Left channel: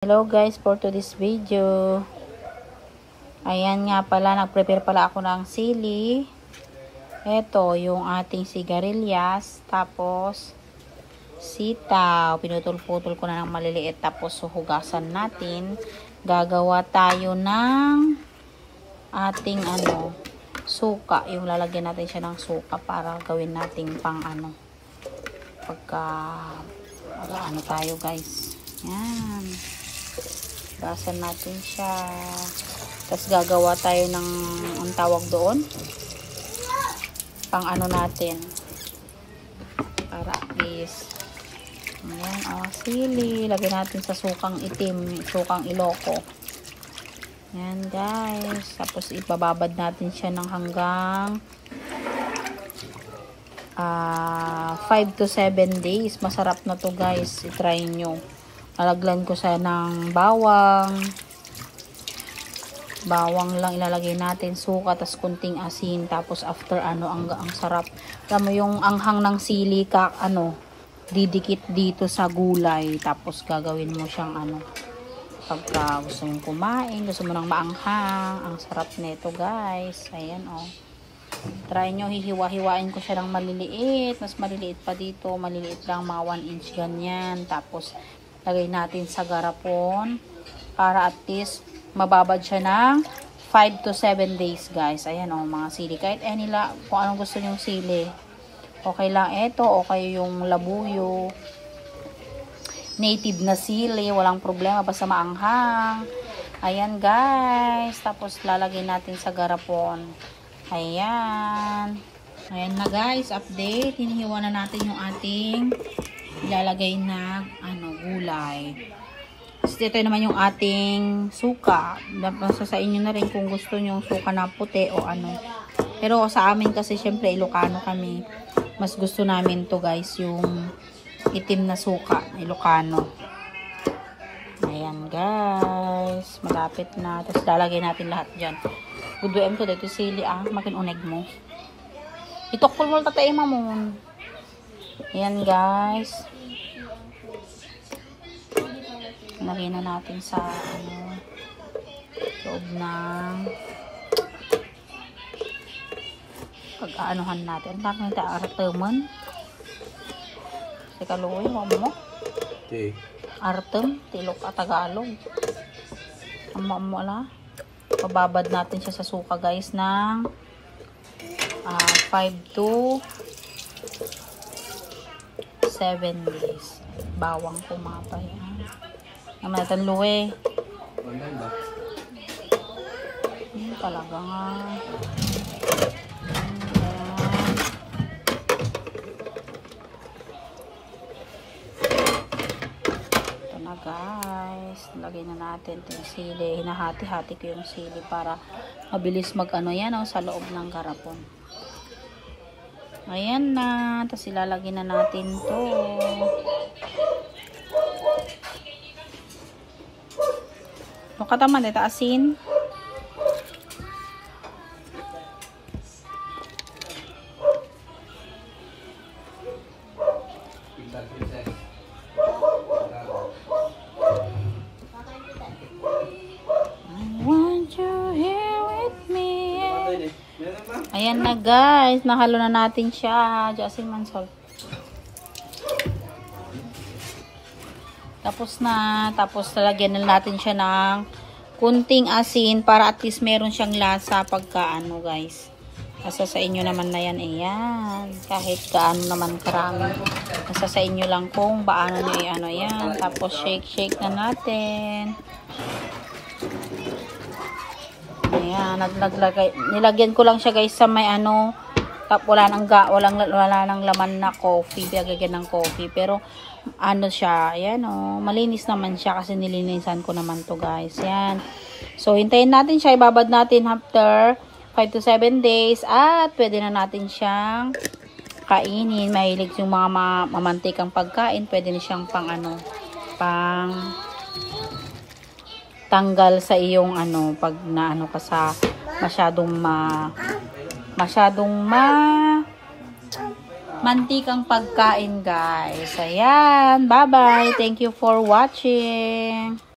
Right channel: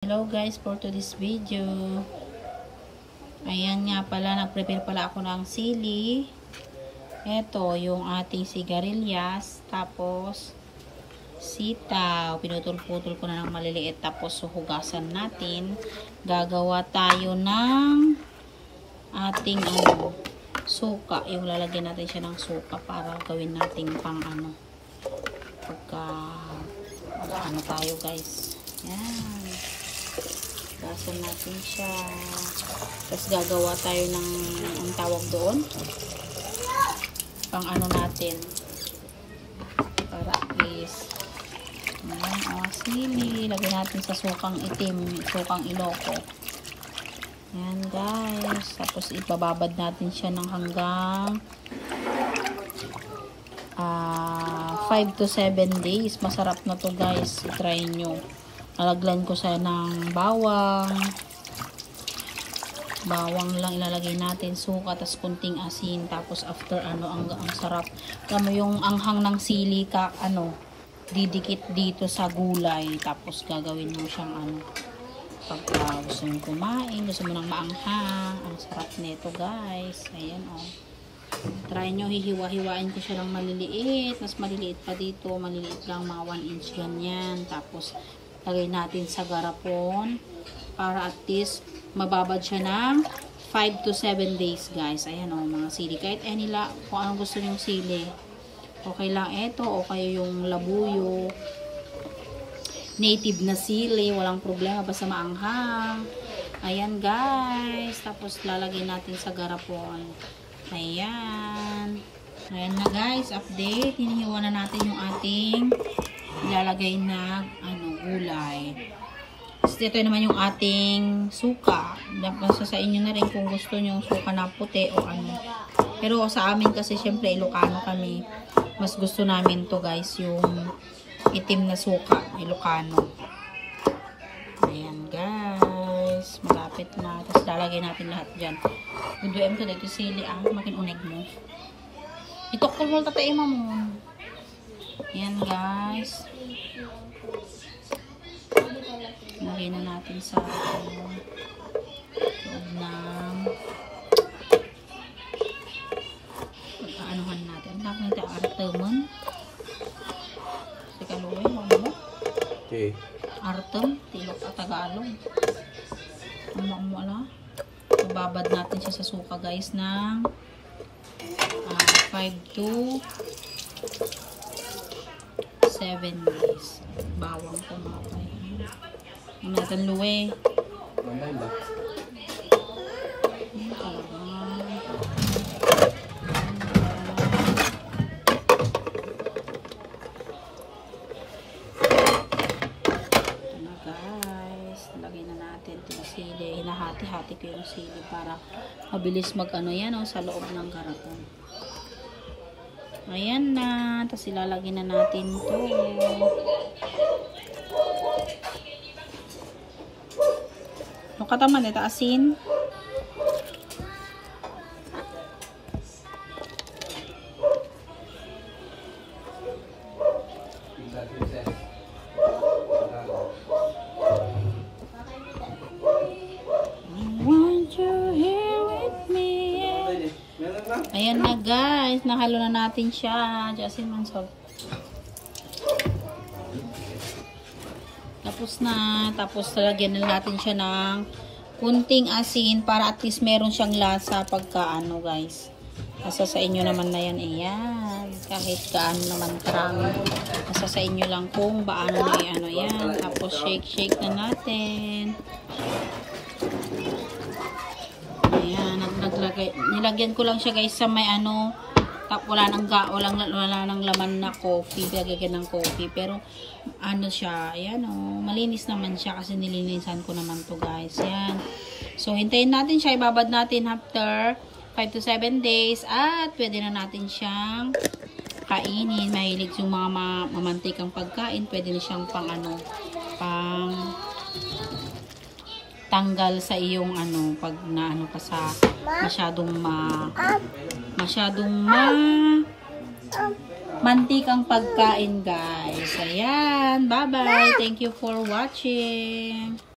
Hello guys, for today's video. Ayan nga pala, nag-prepare pala ako ng sili. Ito, yung ating sigarilyas. Tapos, sitaw. Pinutol-putol ko na ng maliliit. Tapos, hugasan natin. Gagawa tayo ng ating suka. Yung lalagyan natin siya ng suka para gawin nating pang pagka tayo guys. Yan. Gasan natin siya. Tapos gagawa tayo ng ang tawag doon. Pang natin. Para at least. Ayan, sili. Lagyan natin sa sukang itim. Sukang iloko. Ayan guys. Tapos ipababad natin siya ng hanggang 5 to 7 days. Masarap na to guys. I-try nyo. Lalagyan ko siya ng bawang. Bawang lang ilalagay natin, suka, tapos kunting asin. Tapos after ang sarap. Alam mo yung anghang ng sili didikit dito sa gulay. Tapos gagawin mo siyang pagka gusto mong kumain, gusto mo nang maanghang. Ang sarap nito guys. Ayan Try nyo, hihiwa-hiwain ko siya ng maliliit. Mas maliliit pa dito. Maliliit lang, mga 1 inch ganyan. Tapos lagay natin sa garapon para at least mababad siya ng 5 to 7 days guys. Ayan mga sili. Kahit kung anong gusto nyong sili. Okay lang ito. Okay yung labuyo. Native na sili. Walang problema. Basta maanghang. Ayan guys. Tapos lalagay natin sa garapon. Ayan. Ayan na guys. Update. Hinihiwa na natin yung ating ilalagay na gulay. Tapos ito naman yung ating suka. Nasa sa inyo na rin kung gusto nyo suka na puti o Pero sa amin kasi syempre Ilocano kami. Mas gusto namin to guys yung itim na suka. Ilocano. Ayan guys. Malapit na. Tapos lalagay natin lahat dyan. Buduem to dito sili makin uneg mo. Itokpul mo tatay mamon. Ayan guys. Lagyan na natin sa loob ng pag-aanuhan natin. Takang artemen. Sa kaluoy mo. Okay. Artem, tilok at Tagalog. Ang wala. Pababad natin siya sa suka guys ng 5 to 7 days. Bawang pumapay. Ang natin luwe. Talaga nga. Ito na guys. Lagay na natin ito yung sili. Hinahati-hati ko yung sili para mabilis sa loob ng garapon. Ayan na. Tapos ilalagay na natin to. Kataman ito asin. Ayan na guys, nahalo na natin siya. Asin man salt. Tapos lalagyan na natin siya ng kunting asin para at least meron siyang lasa pagka guys. Nasa sa inyo naman na yan yan. Kahit gaano naman karami. Nasa sa inyo lang kung paano nyo yan. Tapos shake na natin. Ayan, nilagyan ko lang siya guys sa may wala nang laman na coffee, pinagagyan ng coffee, pero siya, ayan malinis naman siya kasi nilinisan ko naman to guys, yan. So hintayin natin siya, ibabad natin after 5 to 7 days at pwede na natin siyang kainin. Mahilig yung mga mamantikang pagkain, pwede na siyang pang tanggal sa iyong pag ka sa masyadong mantikang pagkain guys. Ayan, bye bye, thank you for watching.